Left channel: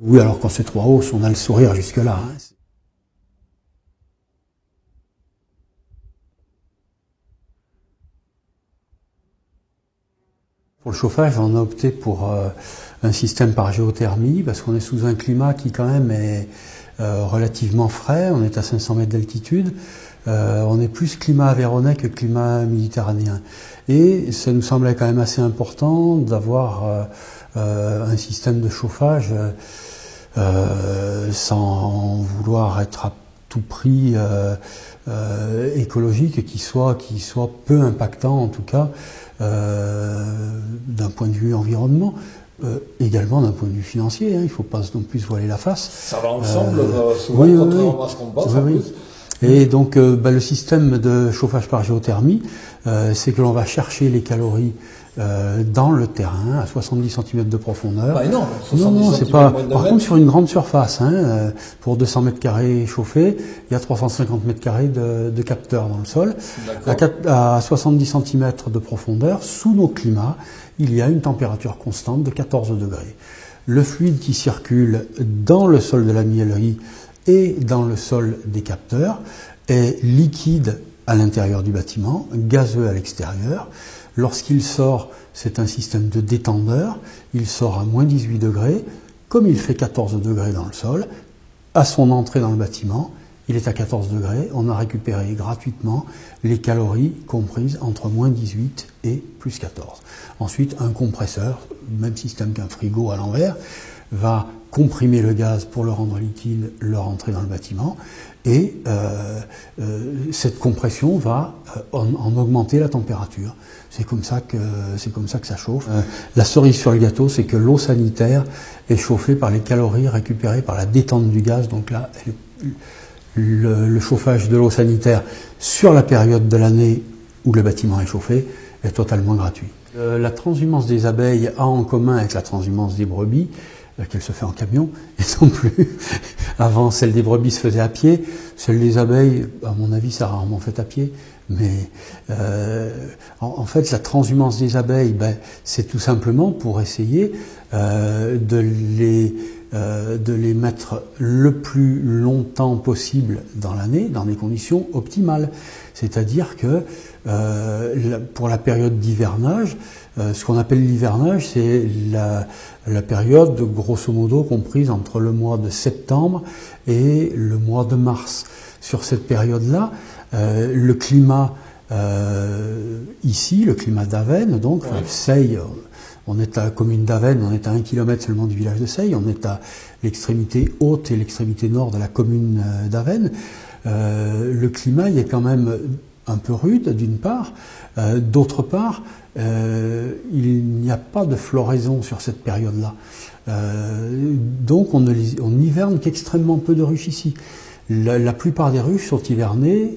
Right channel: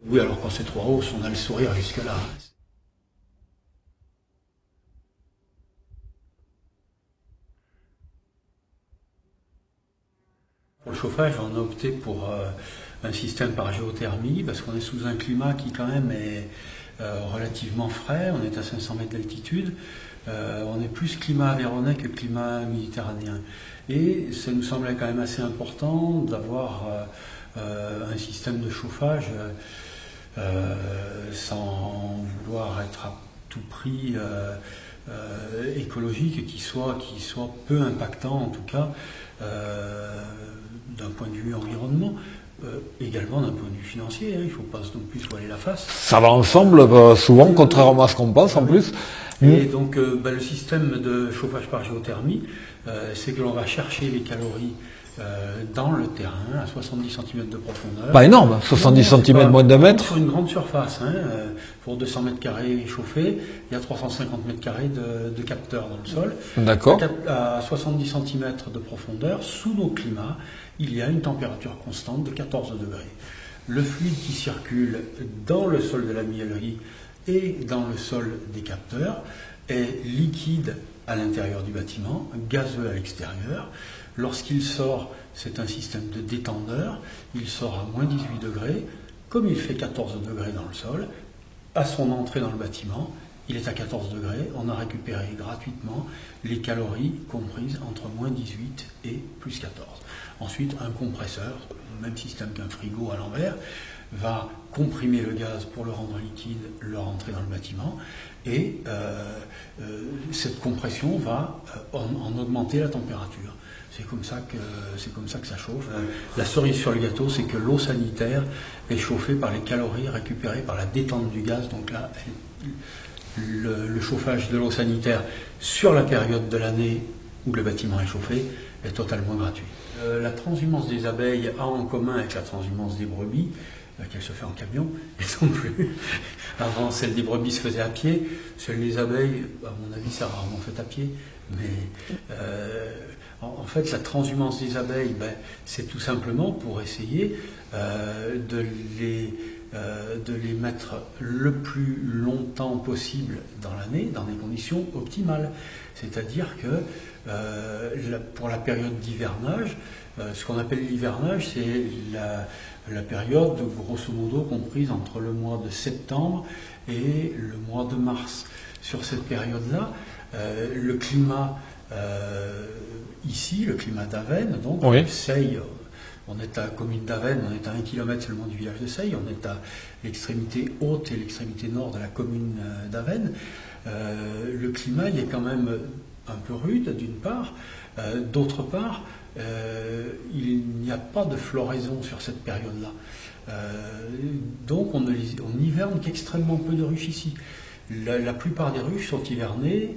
Oui, alors quand c'est trop hausse, on a le sourire jusque-là. Hein. Pour le chauffage, on a opté pour un système par géothermie, parce qu'on est sous un climat qui quand même est relativement frais, on est à 500 mètres d'altitude, on est plus climat aveyronais que climat méditerranéen. Et ça nous semblait quand même assez important d'avoir un système de chauffage sans vouloir être à tout prix écologique et qui soit peu impactant en tout cas d'un point de vue environnement. Également d'un point de vue financier, hein, il ne faut pas non plus se voiler la face. Ça va ensemble, souvent, oui, contrairement à ce qu'on pense en plus. Et donc le système de chauffage par géothermie, c'est que l'on va chercher les calories dans le terrain, à 70 cm de profondeur. Pas énorme, 70 cm moins de 2 mètres. Sur une grande surface, hein, pour 200 mètres carrés chauffés, il y a 350 mètres carrés de capteurs dans le sol. D'accord. À 70 cm de profondeur, sous nos climats, il y a une température constante de 14 degrés. Le fluide qui circule dans le sol de la miellerie et dans le sol des capteurs est liquide à l'intérieur du bâtiment, gazeux à l'extérieur. Lorsqu'il sort, c'est un système de détendeur, il sort à moins 18 degrés, comme il fait 14 degrés dans le sol, à son entrée dans le bâtiment, il est à 14 degrés, on a récupéré gratuitement les calories comprises entre moins 18 et plus 14. Ensuite, un compresseur, même système qu'un frigo à l'envers, va comprimer le gaz pour le rendre liquide, le rentrer dans le bâtiment, et cette compression va en augmenter la température. C'est comme ça que ça chauffe. La cerise sur le gâteau, c'est que l'eau sanitaire est chauffée par les calories récupérées par la détente du gaz. Donc là, le chauffage de l'eau sanitaire sur la période de l'année où le bâtiment est chauffé est totalement gratuit. La transhumance des abeilles a en commun avec la transhumance des brebis qu'elle se fait en camion, et non plus. Avant, celle des brebis se faisait à pied, celle des abeilles, à mon avis, c'est rarement fait à pied. Mais en fait, la transhumance des abeilles, c'est tout simplement pour essayer de les mettre le plus longtemps possible dans l'année, dans des conditions optimales. C'est-à-dire que pour la période d'hivernage, ce qu'on appelle l'hivernage, c'est la période, grosso modo, comprise entre le mois de septembre et le mois de mars. Sur cette période-là, le climat ici, le climat d'Avesnes, donc oui. Seille, on est à la commune d'Avesnes, on est à 1 km seulement du village de Seille, on est à l'extrémité haute et l'extrémité nord de la commune d'Avesnes. Le climat il est quand même un peu rude d'une part, d'autre part il n'y a pas de floraison sur cette période-là. Donc on hiverne qu'extrêmement peu de ruches ici. La plupart des ruches sont hivernées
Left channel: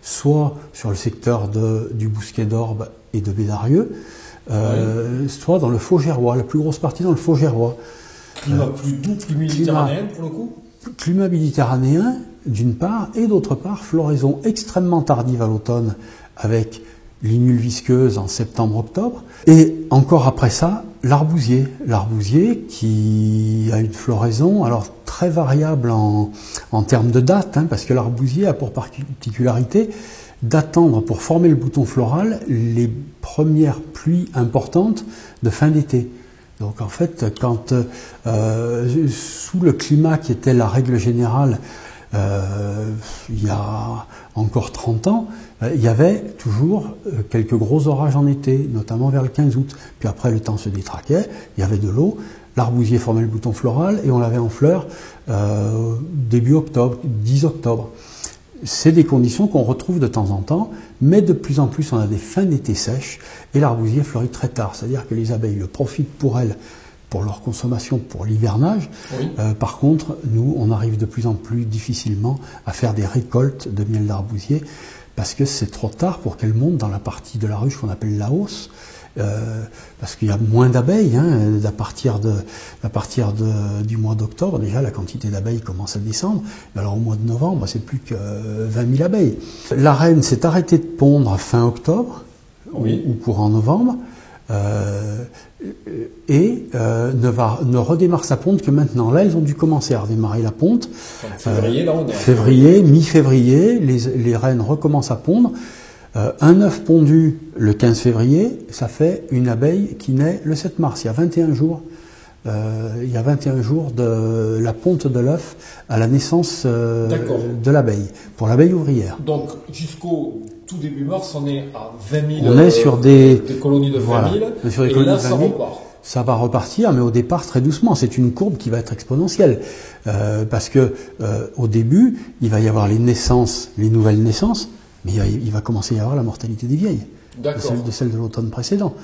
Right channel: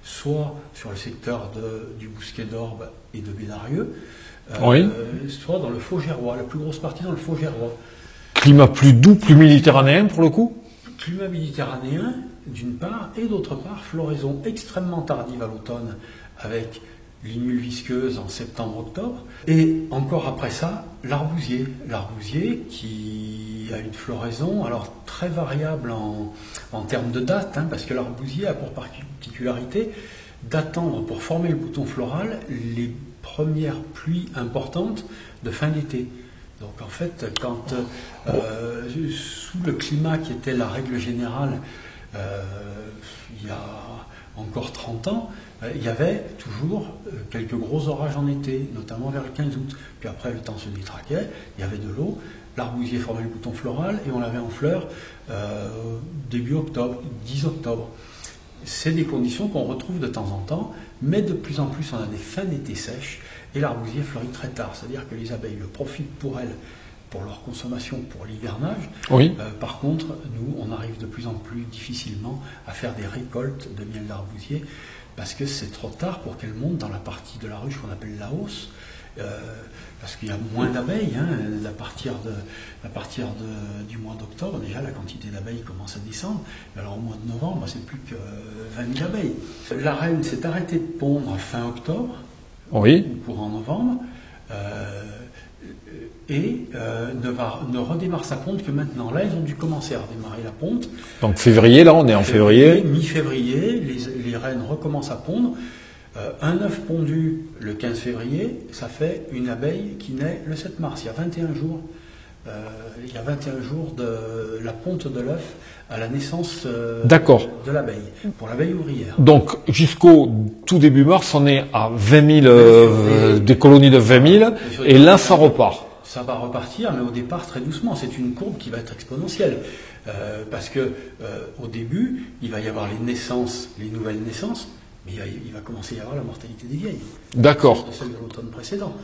soit sur le secteur du Bousquet d'Orbe et de Bédarieux, oui. Soit dans le Faux-Gerrois, la plus grosse partie dans le Faux-Gerrois. Climat plus doux, plus méditerranéen pour le coup ? Climat méditerranéen d'une part, et d'autre part, floraison extrêmement tardive à l'automne avec l'inule visqueuse en septembre-octobre, et encore après ça, l'arbousier. L'arbousier qui a une floraison alors très variable en termes de date, hein, parce que l'arbousier a pour particularité d'attendre pour former le bouton floral les premières pluies importantes de fin d'été. Donc en fait, quand sous le climat qui était la règle générale il y a encore 30 ans, il y avait toujours quelques gros orages en été, notamment vers le 15 août. Puis après, le temps se détraquait, il y avait de l'eau, l'arbousier formait le bouton floral et on l'avait en fleurs début octobre, 10 octobre. C'est des conditions qu'on retrouve de temps en temps, mais de plus en plus on a des fins d'été sèches et l'arbousier fleurit très tard. C'est-à-dire que les abeilles le profitent pour elles, pour leur consommation, pour l'hivernage. Oui. Par contre, nous, on arrive de plus en plus difficilement à faire des récoltes de miel d'arbousier parce que c'est trop tard pour qu'elles montent dans la partie de la ruche qu'on appelle la hausse. Parce qu'il y a moins d'abeilles, hein, à partir du mois d'octobre, déjà la quantité d'abeilles commence à descendre. Alors au mois de novembre, c'est plus que 20 000 abeilles. La reine s'est arrêtée de pondre fin octobre, oui. ou courant novembre. ne redémarre sa ponte que maintenant. Là, ils ont dû commencer à redémarrer la ponte. Donc février, là, on est en février. Mi-février, les reines recommencent à pondre. Un œuf pondu le 15 février, ça fait une abeille qui naît le 7 mars. Il y a 21 jours. Il y a 21 jours de la ponte de l'œuf à la naissance de l'abeille, pour l'abeille ouvrière. Donc, jusqu'au tout début mars, on est à 20 000, des colonies de 20 000, voilà, et là, ça repart. Ça va repartir, mais au départ, très doucement. C'est une courbe qui va être exponentielle. Parce que au début, il va y avoir les naissances, les nouvelles naissances, mais il va commencer à y avoir la mortalité des vieilles. D'accord. De celle de l'automne précédent.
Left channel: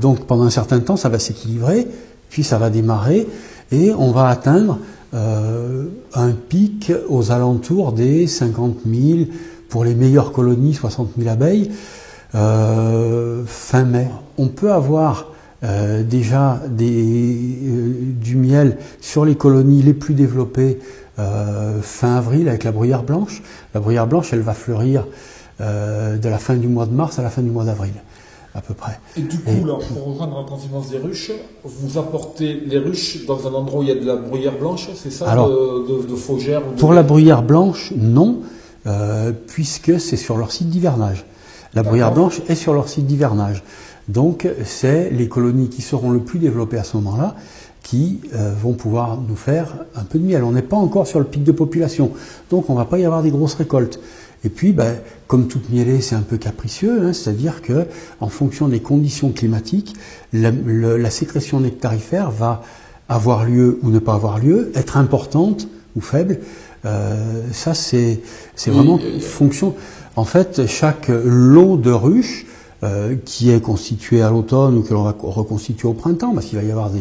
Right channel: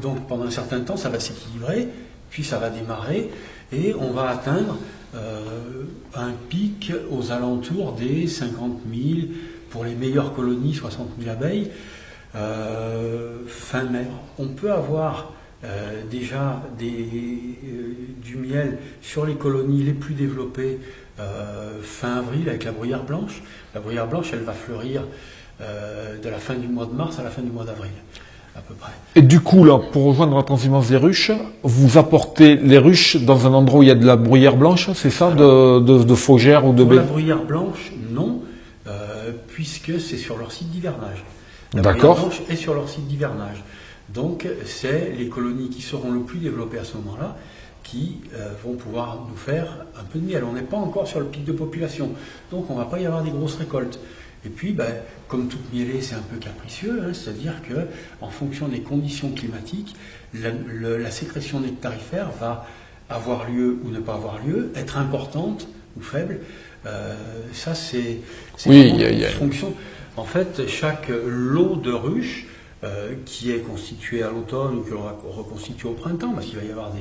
Donc, pendant un certain temps, ça va s'équilibrer, puis ça va démarrer, et on va atteindre un pic aux alentours des 50 000, pour les meilleures colonies, 60 000 abeilles, fin mai. On peut avoir déjà du miel sur les colonies les plus développées fin avril avec la bruyère blanche. La bruyère blanche, elle va fleurir de la fin du mois de mars à la fin du mois d'avril, à peu près. Et du coup, là, pour rejoindre la transhumance des ruches, vous apportez les ruches dans un endroit où il y a de la bruyère blanche, c'est ça? Alors, de faugères ou de... Pour la bruyère blanche, non, puisque c'est sur leur site d'hivernage. La bruyère blanche est sur leur site d'hivernage. Donc, c'est les colonies qui seront le plus développées à ce moment-là qui vont pouvoir nous faire un peu de miel. On n'est pas encore sur le pic de population, donc on ne va pas y avoir des grosses récoltes. Et puis, comme toute mielée, c'est un peu capricieux, hein, c'est-à-dire que, en fonction des conditions climatiques, la sécrétion nectarifère va avoir lieu ou ne pas avoir lieu, être importante ou faible. Ça, c'est vraiment fonction. En fait, chaque lot de ruches qui est constitué à l'automne ou que l'on va reconstituer au printemps, parce qu'il va y avoir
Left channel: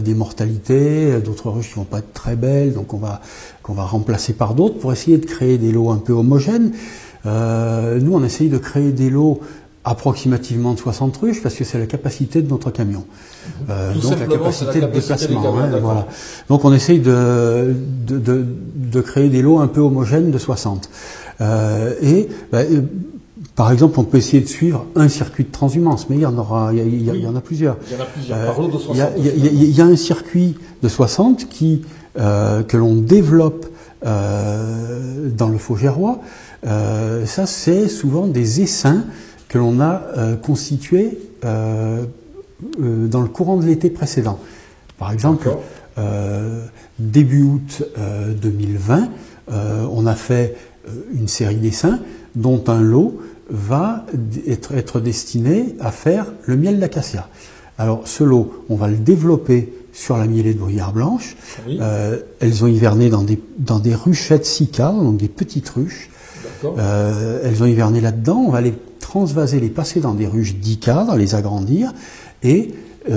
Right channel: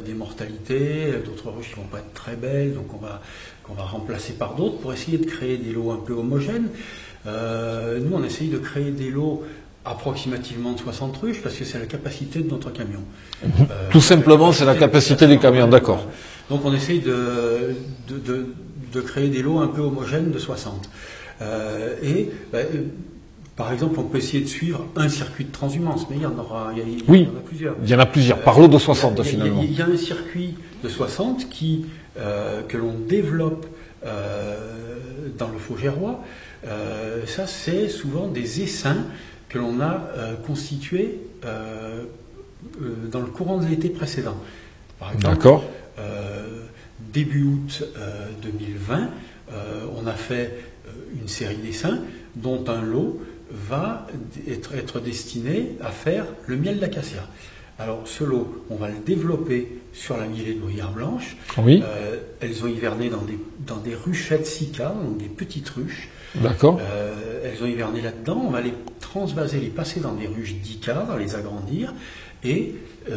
des mortalités, d'autres ruches qui vont pas être très belles, donc qu'on va remplacer par d'autres pour essayer de créer des lots un peu homogènes. Nous, on essaye de créer des lots approximativement de 60 ruches parce que c'est la capacité de notre camion. Tout simplement, c'est la capacité des camions, d'accord. Voilà. Donc on essaye de créer des lots un peu homogènes de 60. Par exemple, on peut essayer de suivre un circuit de transhumance, mais il y en a plusieurs. Il y en a plusieurs, par lot de 60. Il y a un circuit de 60 que l'on développe dans le Faugérois. Ça, c'est souvent des essaims que l'on a constitués dans le courant de l'été précédent. Par exemple, début août 2020, on a fait une série d'essaims dont un lot va être destiné à faire le miel d'acacia. Alors ce lot, on va le développer sur la mielée de bruyère blanche. Oui. Elles ont hiverné dans des ruchettes Sika, donc des petites ruches. D'accord. Elles ont hiverné là-dedans. On va les transvaser, les passer dans des ruches d'Ika, dans les agrandir. Et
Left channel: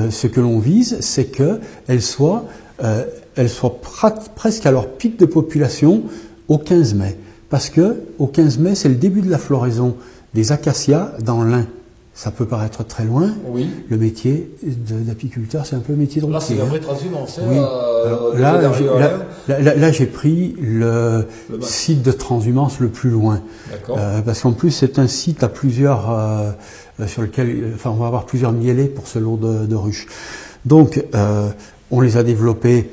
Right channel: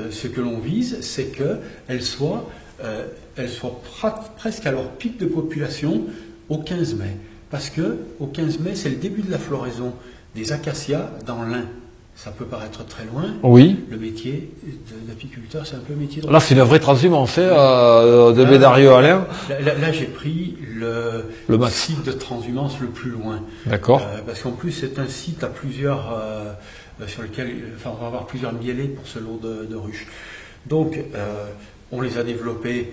ce que l'on vise, c'est qu'elles soient presque à leur pic de population au 15 mai. Parce que au 15 mai, c'est le début de la floraison des acacias dans l'Ain. Ça peut paraître très loin. Oui. Le métier d'apiculteur, c'est un peu le métier de... Là, c'est la vraie transhumance, de Bédarieux à l'air. Là, j'ai pris le site de transhumance le plus loin. D'accord. Parce qu'en plus, c'est un site à plusieurs, sur lequel, on va avoir plusieurs mielés pour ce lot de ruches. Donc, on les a développés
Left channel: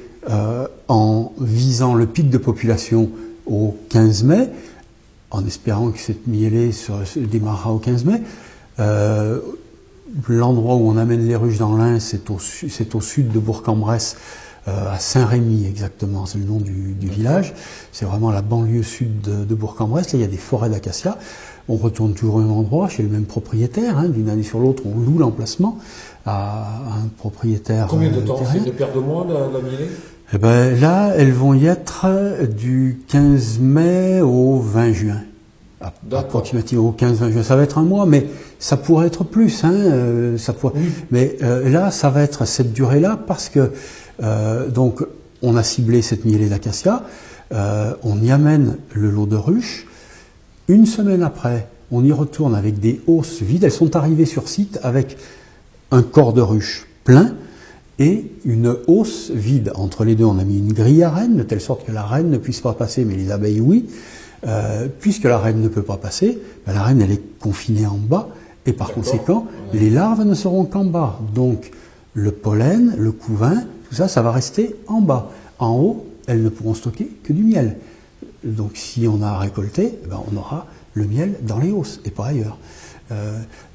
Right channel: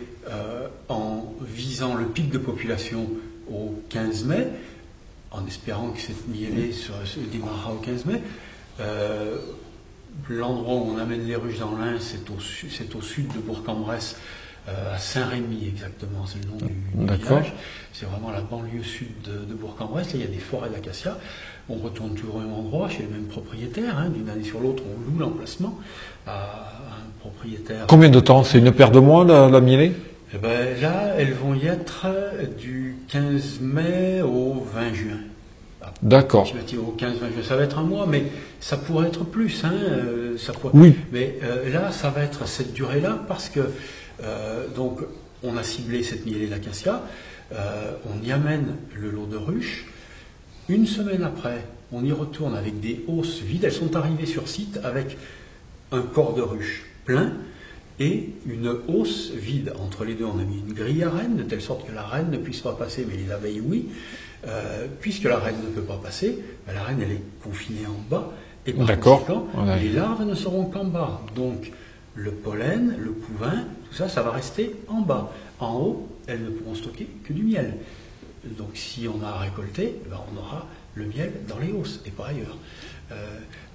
en visant le pic de population au 15 mai, en espérant que cette mielée démarrera au 15 mai. L'endroit où on amène les ruches dans l'Ain, c'est au sud de Bourg-en-Bresse, à Saint-Rémy exactement, c'est le nom du village. C'est vraiment la banlieue sud de Bourg-en-Bresse. Là, il y a des forêts d'acacias. On retourne toujours au même endroit, chez le même propriétaire. Hein, d'une année sur l'autre, on loue l'emplacement à un propriétaire. Combien de temps? C'est une paire de mois, la mielée? Eh ben, là, elles vvont y être du 15 mai au 20 juin. D'accord. Au 15-20 juin, ça va être un mois, mais ça pourrait être plus. Hein, Oui. Mais là, ça va être cette durée-là parce que donc on a ciblé cette mielée d'acacia, on y amène le lot de ruches. Une semaine après, on y retourne avec des hausses vides. Elles sont arrivées sur site avec un corps de ruches plein et une hausse vide. Entre les deux, on a mis une grille à reine, de telle sorte que la reine ne puisse pas passer, mais les abeilles, oui. Puisque la reine ne peut pas passer, la reine, elle est confinée en bas, Et par D'accord. conséquent, Ouais. les larves ne seront qu'en bas. Donc, le pollen, le couvain, tout ça, ça va rester en bas. En haut, elles ne pourront stocker que du miel. Donc, si on a récolté, eh ben, on aura le miel dans les hausses et pas ailleurs.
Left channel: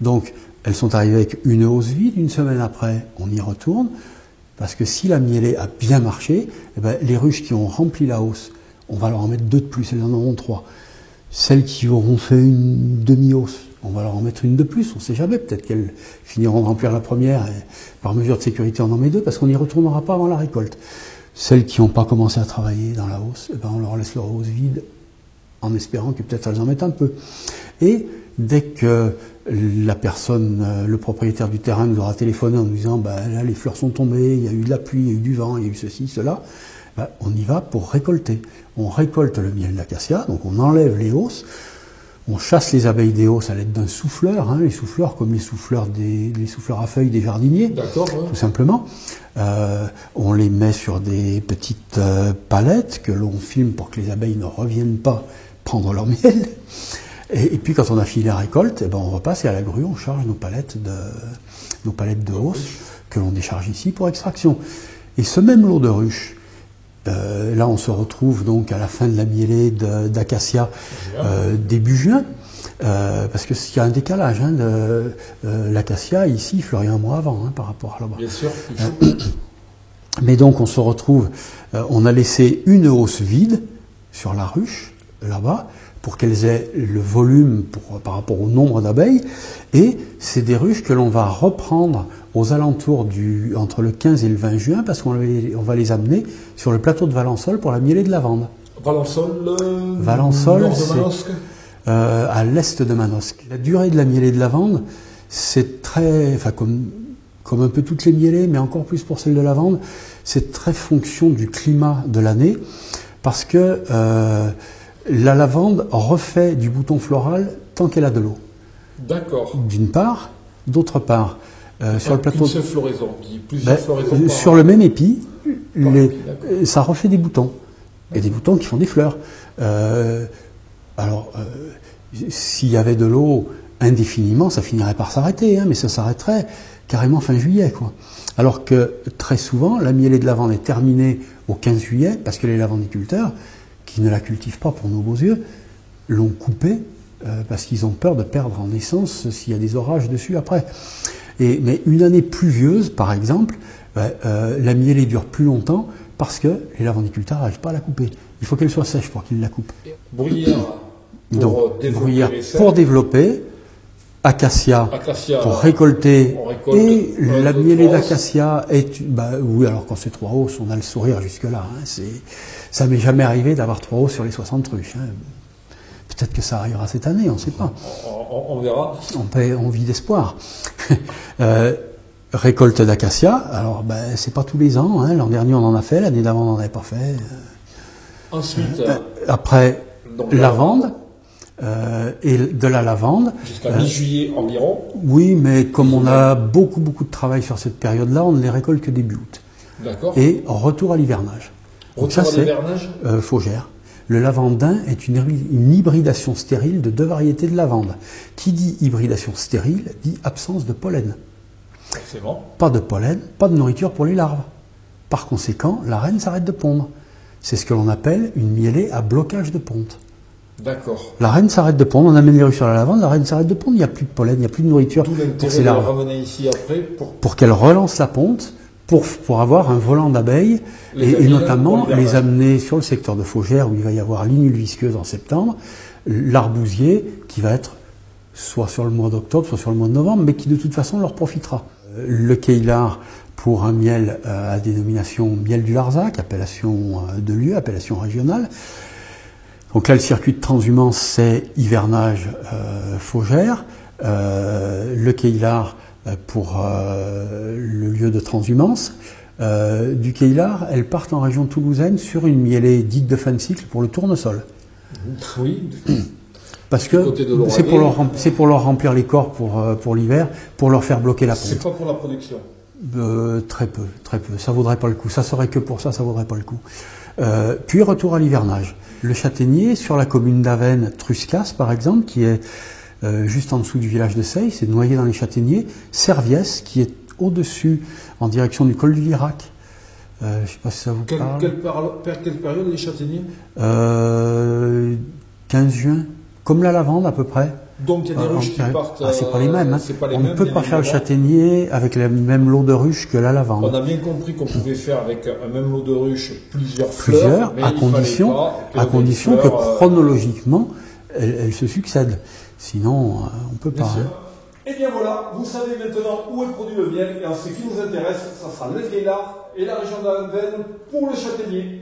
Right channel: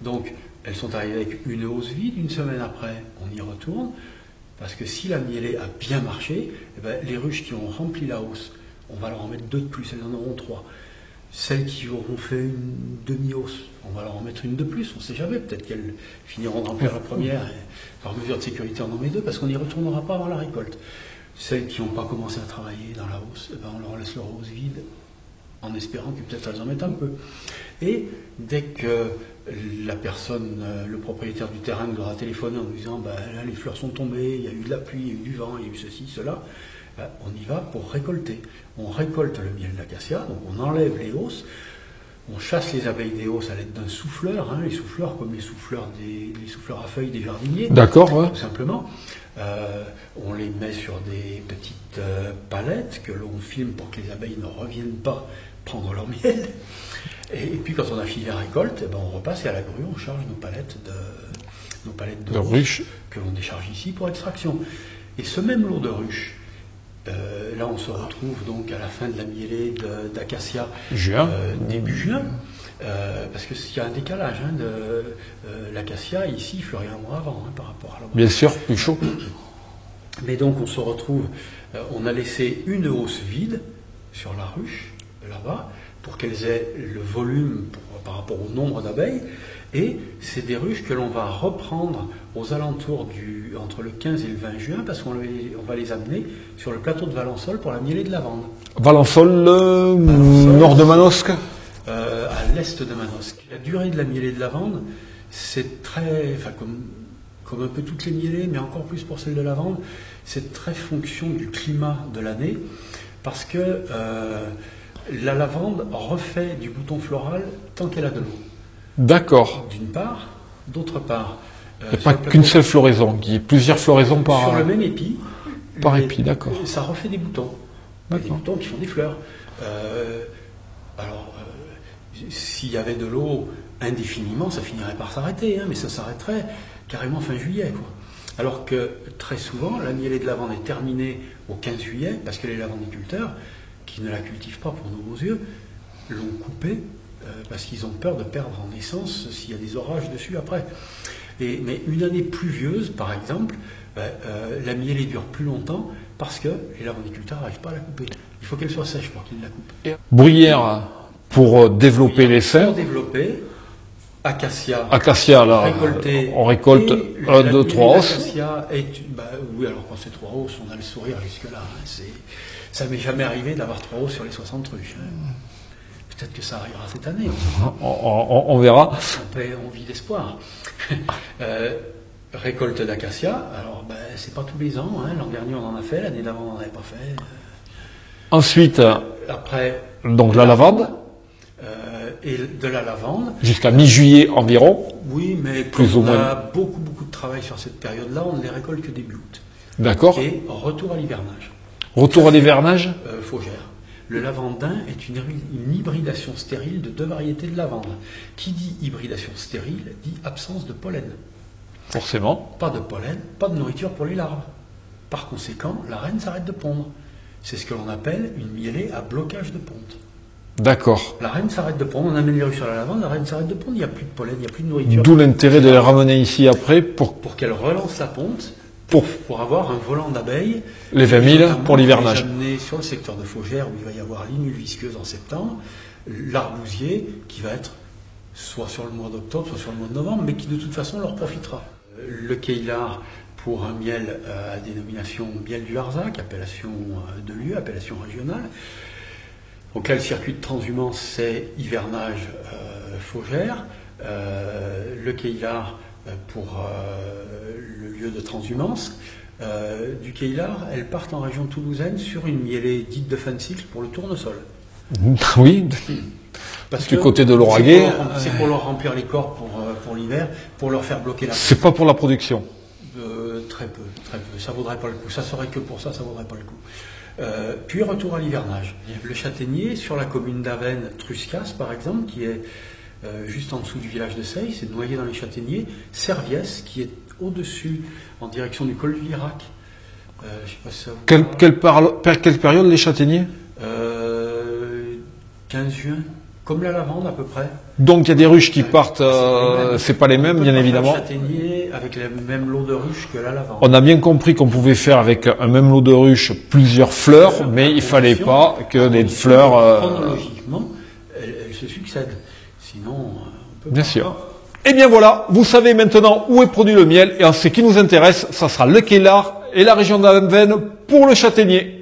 Donc, elles sont arrivées avec une hausse vide. Une semaine après, on y retourne. Parce que si la mielée a bien marché, eh ben, les ruches qui ont rempli la hausse, on va leur en mettre 2 de plus, elles en auront 3. Celles qui auront fait une demi-hausse, on va leur en mettre une de plus, on ne sait jamais, peut-être qu'elles finiront de remplir la première et par mesure de sécurité on en met 2 parce qu'on n'y retournera pas avant la récolte. Celles qui n'ont pas commencé à travailler dans la hausse, eh ben, on leur laisse leur hausse vide en espérant que peut-être elles en mettent un peu. Et dès que la personne, le propriétaire du terrain nous aura téléphoné en nous disant ben, là les fleurs sont tombées, il y a eu de la pluie, il y a eu du vent, il y a eu ceci, cela, ben, on y va pour récolter. On récolte le miel d'acacia, donc on enlève les hausses, on chasse les abeilles des hausses à l'aide d'un souffleur, les souffleurs comme les souffleurs à feuilles des jardiniers, D'accord, ouais. tout simplement. On les met sur des petites palettes que l'on filme pour que les abeilles ne reviennent pas prendre leur miel. Et puis quand on a fini la récolte, eh ben, on repasse et à la grue, on charge nos palettes de ruches que l'on décharge ici pour extraction. Et ce même lot de ruches, là on se retrouve donc à la fin de la mielée d'acacia début juin, parce qu'il y a un décalage. L'acacia ici fleurit un mois avant par rapport à là-bas. Bien sûr, plus chaud. Mais donc on se retrouve, on a laissé une hausse vide sur la ruche, là-bas, pour qu'elles aient le volume par rapport au nombre d'abeilles. Et c'est des ruches que l'on va reprendre aux alentours entre le 15 et le 20 juin, parce qu'on va les amener sur le plateau de Valençol pour la mielée de lavande. Valençol, nord de Manosque, à l'est de Manosque. La durée de la mielée de lavande, c'est très... Enfin, comme un peu toutes les mielées, mais encore plus pour celle de lavande, c'est très fonction du climat de l'année, parce que la lavande refait du bouton floral tant qu'elle a de l'eau. D'accord. D'une part. D'autre part... pas qu'une seule floraison, il y a plusieurs floraisons par... Sur le même épi, épi, d'accord. Ça refait des boutons. Et des boutons qui font des fleurs. S'il y avait de l'eau indéfiniment, ça finirait par s'arrêter, mais ça s'arrêterait carrément fin juillet, quoi. Alors que très souvent, la mielée de lavande est terminée au 15 juillet, parce que les lavandiculteurs, qui ne la cultivent pas pour nos beaux yeux, l'ont coupée parce qu'ils ont peur de perdre en essence s'il y a des orages dessus après. Mais une année pluvieuse, par exemple, la mielée dure plus longtemps parce que les lavandiculteurs n'arrivent pas à la couper. Il faut qu'elle soit sèche pour qu'ils la coupent. Bruyère pour développer les serres. Pour développer, acacia là, récolter. On récolte et la mielée d'acacia est... oui, alors quand c'est 3 hausses, on a le sourire jusque-là. Ça m'est jamais arrivé d'avoir 3 hausses sur les 60 ruches. Peut-être que ça arrivera cette année, on ne sait pas. On verra. On vit d'espoir. Récolte d'acacia, alors c'est pas tous les ans. L'an dernier on en a fait, l'année d'avant on n'en avait pas fait. Ensuite, après, donc la lavande. Et de la lavande. Jusqu'à mi-juillet environ. Oui, mais comme on a beaucoup de travail sur cette période-là, on ne les récolte que début août. D'accord. Et retour à l'hivernage. Retour à l'hivernage Faugère. Le lavandin est une hybridation stérile de 2 variétés de lavande. Qui dit hybridation stérile dit absence de pollen. Forcément. Pas de pollen, pas de nourriture pour les larves. Par conséquent, la reine s'arrête de pondre. C'est ce que l'on appelle une mielée à blocage de ponte. D'accord. La reine s'arrête de pondre, on amène les ruches sur la lavande, la reine s'arrête de pondre, il n'y a plus de pollen, il n'y a plus de nourriture. D'où l'intérêt de les ramener ici après pour qu'elle relance la ponte, pour avoir un volant d'abeilles. Les 20 000 pour l'hivernage. Les amener sur le secteur de Faugère où il va y avoir l'inule visqueuse en septembre, l'arbousier qui va être soit sur le mois d'octobre, soit sur le mois de novembre, mais qui de toute façon leur profitera. Le Keillar pour un miel à dénomination miel du Larzac, appellation de lieu, appellation régionale. Donc là, le circuit de transhumance, c'est hivernage Faugère. Le Keillar pour le lieu de transhumance. Du Keillar, elles partent en région toulousaine sur une mielée dite de fin de cycle pour le tournesol. Oui. Parce du côté de l'Oraguet. C'est pour leur remplir les corps pour l'hiver, pour leur faire bloquer la ponte. C'est pas pour la production. Très peu. Ça vaudrait pas le coup. Ça serait que pour ça vaudrait pas le coup. Puis retour à l'hivernage. Le châtaignier sur la commune d'Avesnes, Truscas par exemple, qui est juste en dessous du village de Seille, c'est noyé dans les châtaigniers. Serviès, qui est au-dessus, en direction du col du Lirac. Je ne sais pas si ça vous parle. Quelle période les châtaigniers? 15 juin, comme la lavande à peu près. Donc il y a des ruches qui partent, c'est pas les mêmes, bien évidemment. On peut pas faire le châtaignier avec le même lot de ruches que la lavande. On a bien compris qu'on pouvait faire avec un même lot de ruches plusieurs fleurs, mais il fallait pas que les fleurs... chronologiquement, elles se succèdent. Sinon, on peut pas. Bien sûr. Et bien voilà, vous savez maintenant où est produit le miel, et en ce qui nous intéresse, ça sera le Queslart et la région d'Avesnes pour le châtaignier.